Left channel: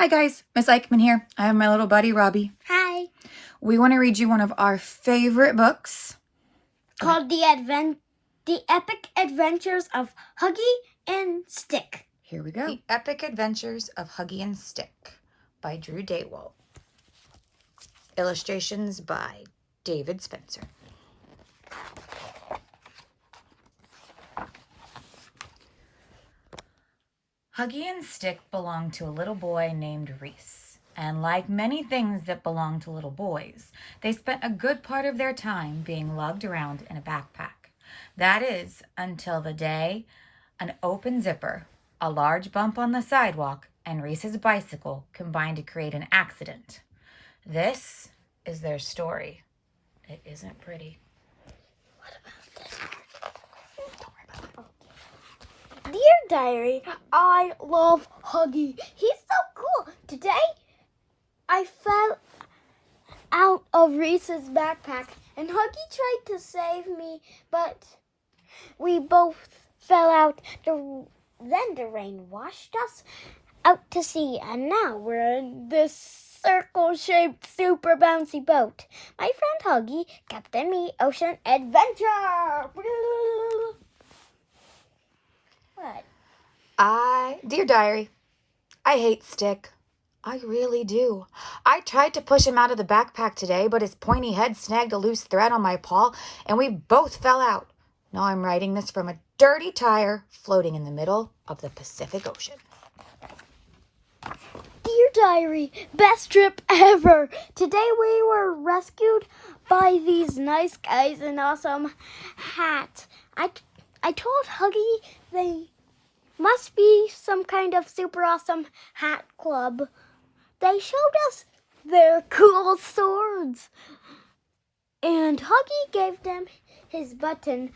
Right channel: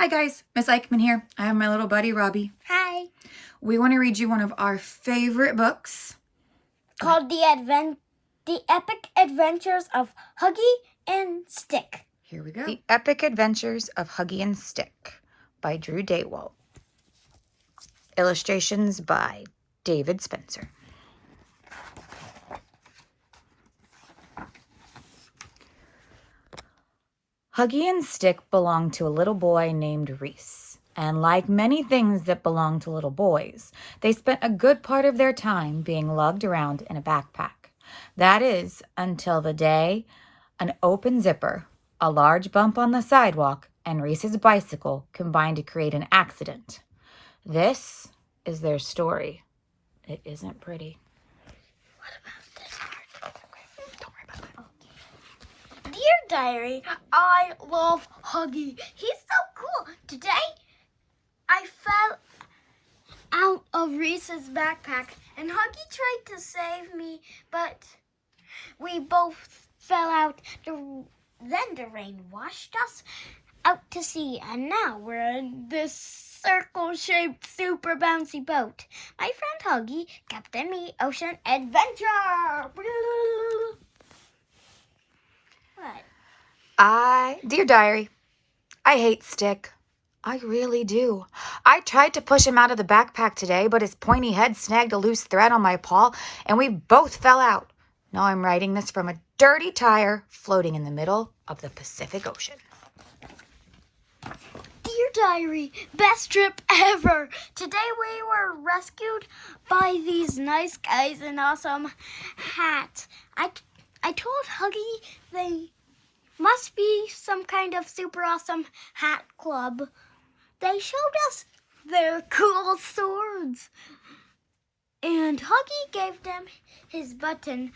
Hi guys, Miss Eichmann here. I have my little buddy Robbie. Hi. We want to read you one of our favorite books Called The Epic Adventures of Huggy and Stick. Here we go. The Epic Adventures of Huggy and Stick by Drew Daywalt. Illustrations by David Spencer. Huggy and Stick belonged to a little boy named Reese. And like many things that belong to little boys, they spent a good part of their time being lugged around in a backpack. That is, until the day an open zipper, a large bump on the sidewalk, and Reese's bicycle combined to create an accident. This is their story. It isn't pretty. What about this part? Don't worry about that. Dear Diary, I love Huggy. He's so cool. Today, I fell out of Reese's backpack, and Huggy tried to save me, but we both fell out. Then the rain washed us out to sea, and now we're in this circle-shaped, super bouncy boat. My friend Huggy captained me ocean adventure. What? Dear Diary, I hate Stick. I really do. I tried to push him out of the backpack today, but his pointy head snagged a loose thread on my paw, and we both fell out. Now I'm writing this from a dirty tire floating in the middle of the Pacific Ocean. Dear Diary, best trip ever. Today we were rescued by these nice guys in awesome hats. I told Huggy they must be some kind of super awesome hat club. They showed us their cool swords. And Huggy gave them his button.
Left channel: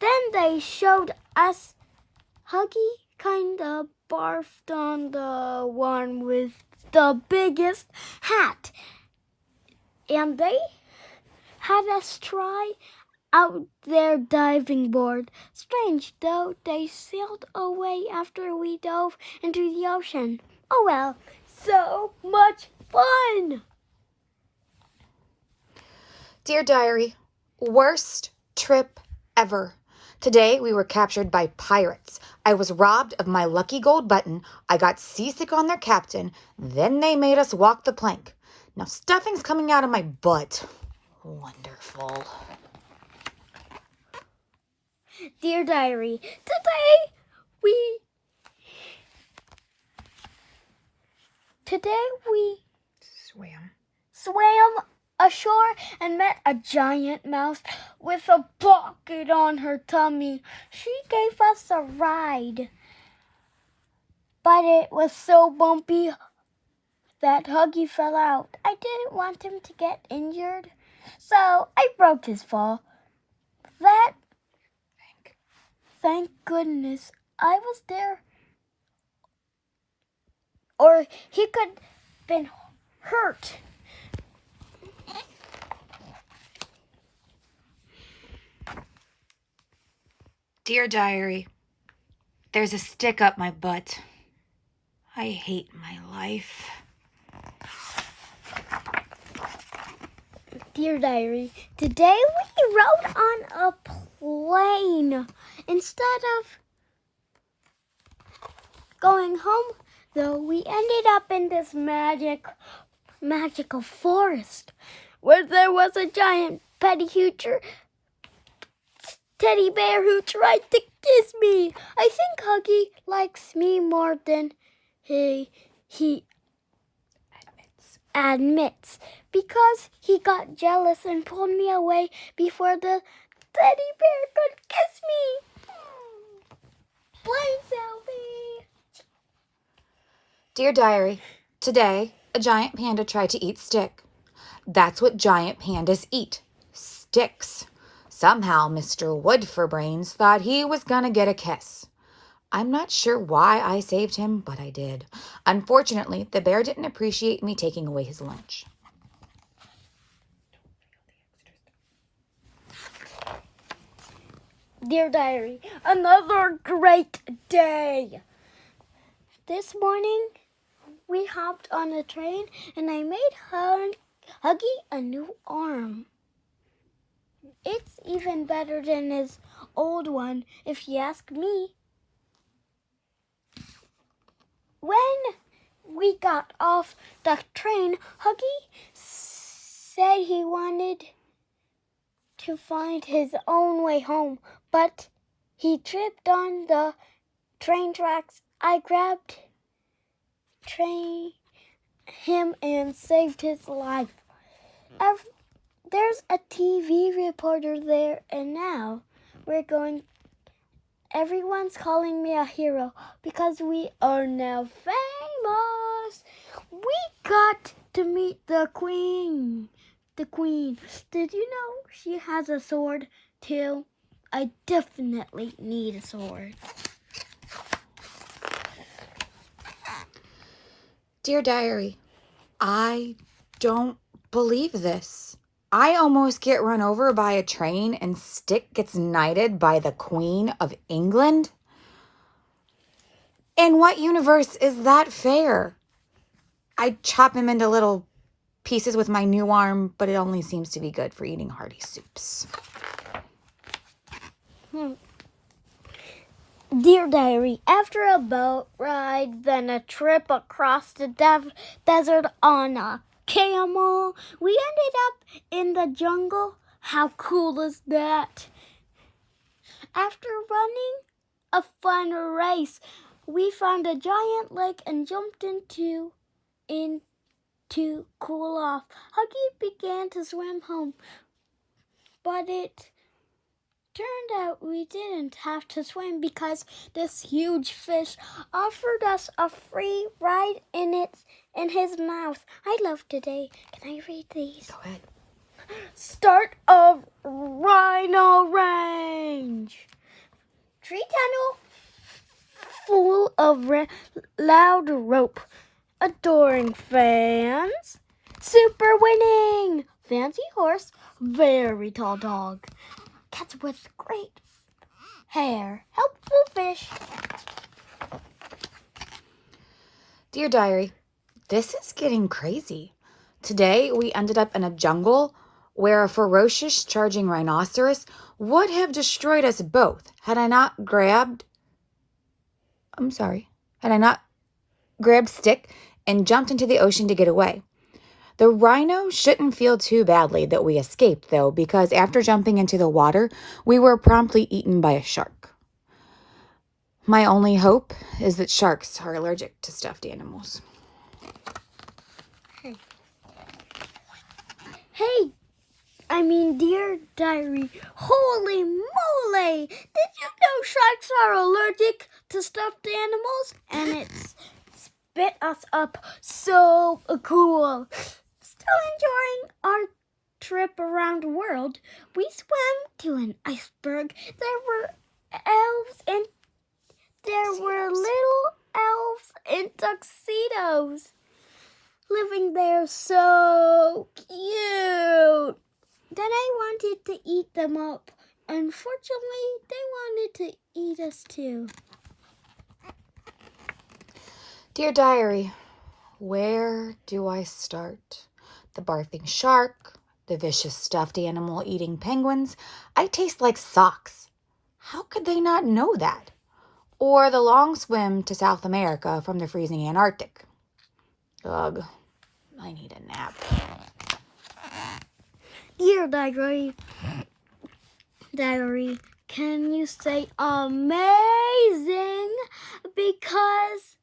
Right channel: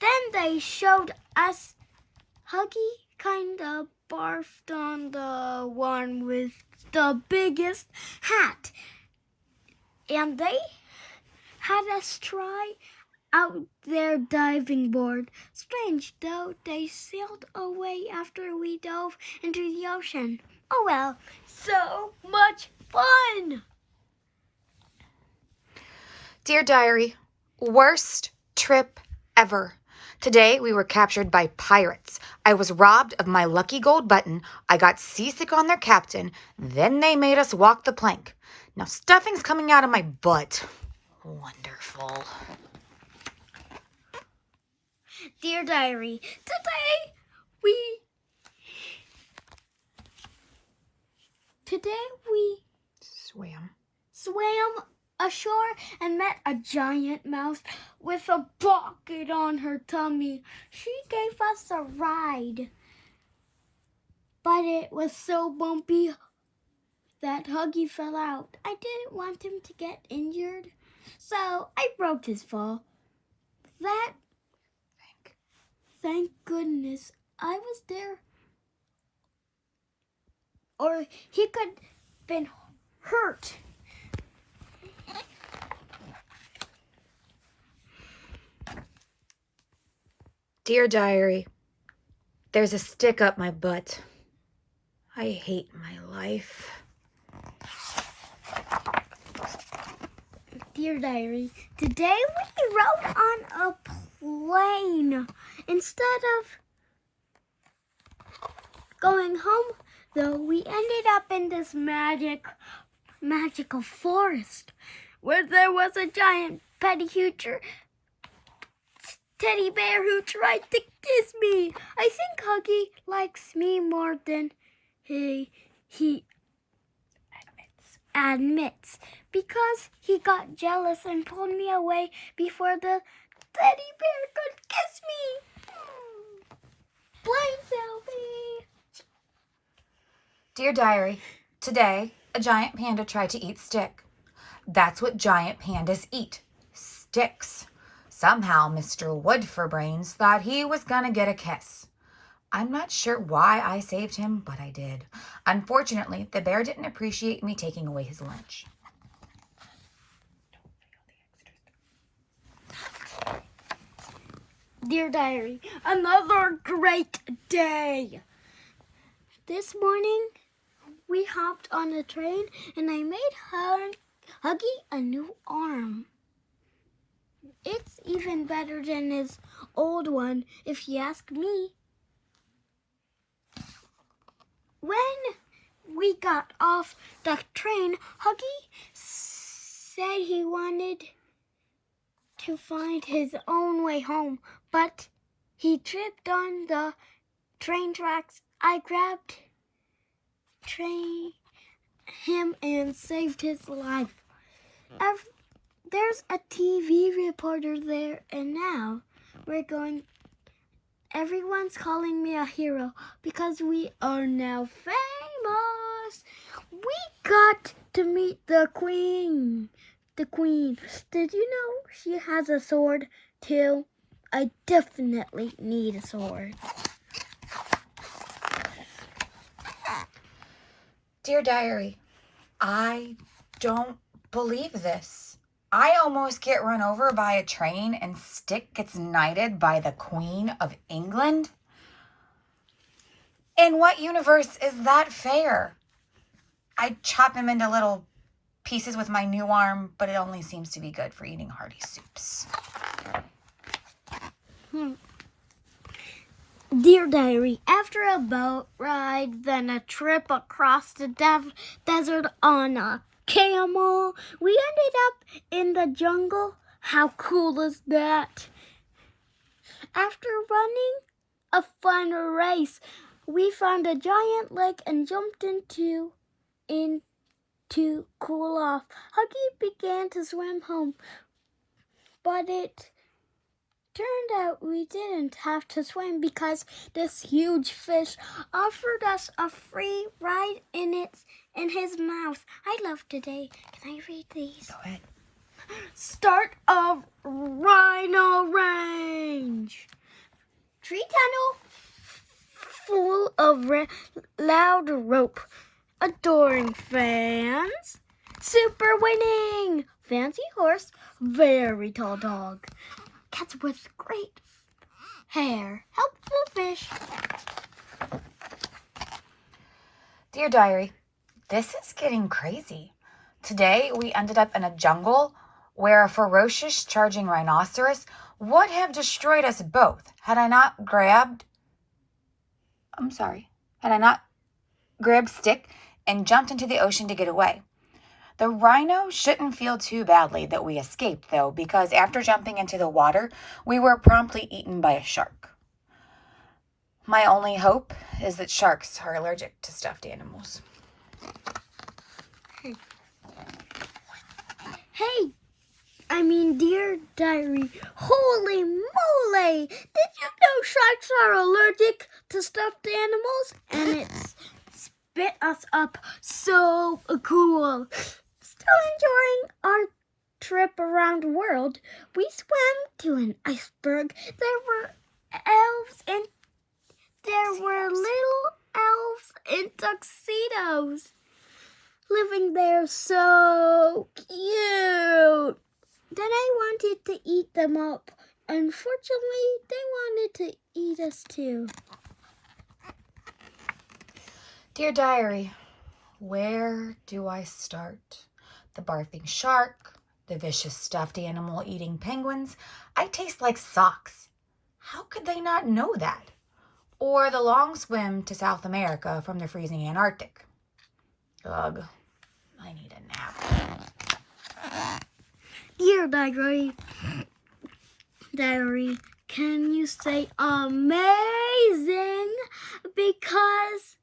Then they showed us Huggy kind of barfed on the one with the biggest hat. And they had us try out their diving board. Strange, though, they sailed away after we dove into the ocean. Oh well, so much fun! Dear Diary, worst trip ever. Today we were captured by pirates. I was robbed of my lucky gold button. I got seasick on their captain. Then they made us walk the plank. Now stuffing's coming out of my butt. Wonderful. Dear Diary, today we swam ashore and met a giant mouse with a bucket on her tummy. She gave us a ride, but it was so bumpy that Huggy fell out. I didn't want him to get injured, so I broke his fall. Thank goodness I was there, or he could have been hurt. Dear Diary, there's a stick up my butt. I hate my life. Dear Diary, today we rode on a plane. Instead of going home, though, we ended up in this magical forest where there was a giant teddy bear who tried to kiss me. I think Huggy likes me more than he admits, because he got jealous and pulled me away before the teddy bear could kiss me. Play selfie. Dear Diary, today a giant panda tried to eat Stick. That's what giant pandas eat, sticks. Somehow Mr. Wood-for-Brains thought he was gonna get a kiss. I'm not sure why I saved him, but I did. Unfortunately, the bear didn't appreciate me taking away his lunch. Dear Diary, another great day. This morning, we hopped on a train and I made Huggy a new arm. It's even better than his old one, if you ask me. When we got off the train, Huggy said he wanted to find his own way home, but he tripped on the train tracks. I grabbed him and saved his life. There's a TV reporter there, and now everyone's calling me a hero because we are now famous. We got to meet the queen. Did you know she has a sword too? I definitely need a sword. Dear Diary, I don't believe this. I almost get run over by a train and Stick gets knighted by the Queen of England? In what universe is that fair? I chop him into little pieces with my new arm, but it only seems to be good for eating hearty soups. Dear Diary, after a boat ride, then a trip across the desert on a camel, we ended up in the jungle. How cool is that? After running a fun race, we found a giant lake and jumped into to cool off. Huggy began to swim home, but it turned out we didn't have to swim because this huge fish offered us a free ride in his mouth. I love today. Can I read these? Go ahead. Start of Rhino Range. Tree tunnel full of loud rope. Adoring fans. Super winning. Fancy horse. Very tall dog. Cats with great hair. Helpful fish. Dear Diary, this is getting crazy. Today we ended up in a jungle where a ferocious charging rhinoceros would have destroyed us both had I not grabbed Stick and jumped into the ocean to get away. The rhino shouldn't feel too badly that we escaped, though, because after jumping into the water, we were promptly eaten by a shark. My only hope is that sharks are allergic to stuffed animals. Dear Diary, holy moly! Did you know sharks are allergic to stuffed animals? And it's spit us up so cool. Still enjoying our trip around the world, we swam to an iceberg. There were little elves in tuxedos living there, so cute. Then I wanted to eat them up. Unfortunately, they wanted to eat us too. Dear Diary, where do I start? The barfing shark, the vicious stuffed animal eating penguins. I taste like socks. How could they not know that? Or the long swim to South America from the freezing Antarctic. Ugh, I need a nap. Dear Diary, can you say amazing? Because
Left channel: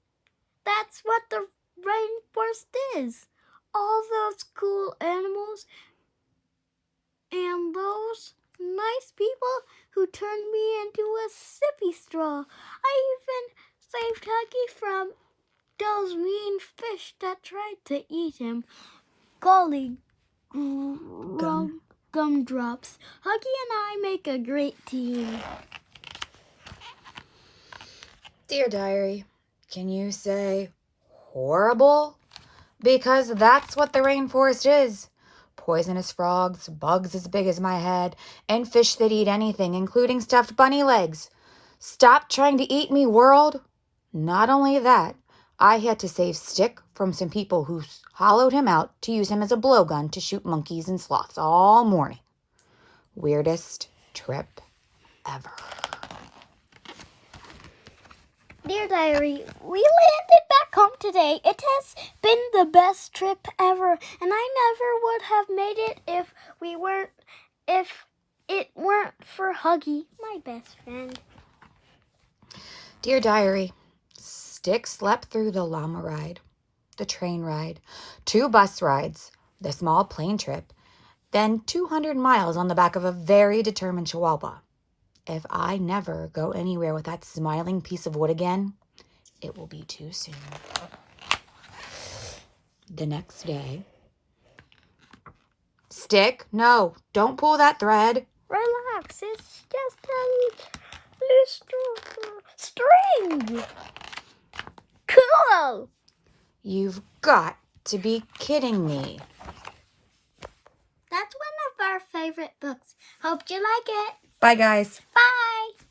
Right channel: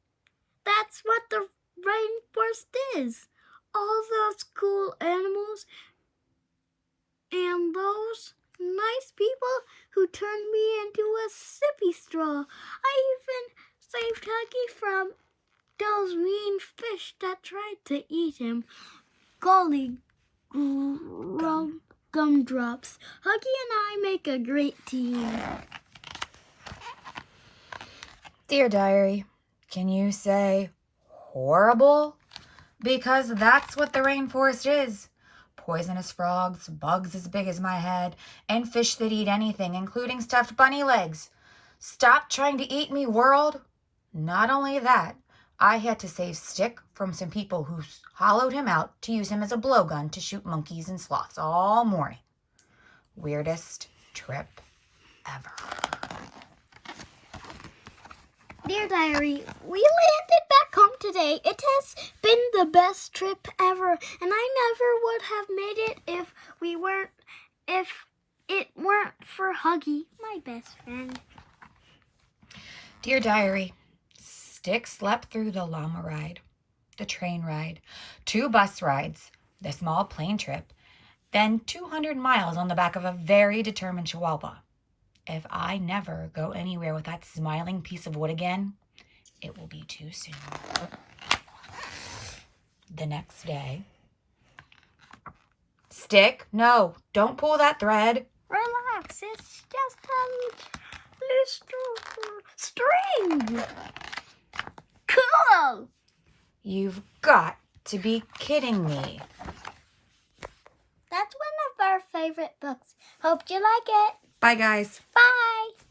that's what the rainforest is. All those cool animals and those nice people who turned me into a sippy straw. I even saved Huggy from those mean fish that tried to eat him. Golly gumdrops. Huggy and I make a great team. Dear Diary, can you say horrible? Because that's what the rainforest is. Poisonous frogs, bugs as big as my head, and fish that eat anything, including stuffed bunny legs. Stop trying to eat me, world. Not only that, I had to save Stick from some people who hollowed him out to use him as a blowgun to shoot monkeys and sloths all morning. Weirdest trip ever. Dear Diary, we landed back home today. It has been the best trip ever, and I never would have made it if it weren't for Huggy, my best friend. Dear Diary, Stick slept through the llama ride, the train ride, 2 bus rides, the small plane trip, then 200 miles on the back of a very determined chihuahua. If I never go anywhere with that smiling piece of wood again, it will be too soon. The next day. Stick, no, don't pull that thread. Relax, it's just a little string. Cool. You've got to be kidding me. That's one of our favorite books. Hope you like it. Bye, guys. Bye.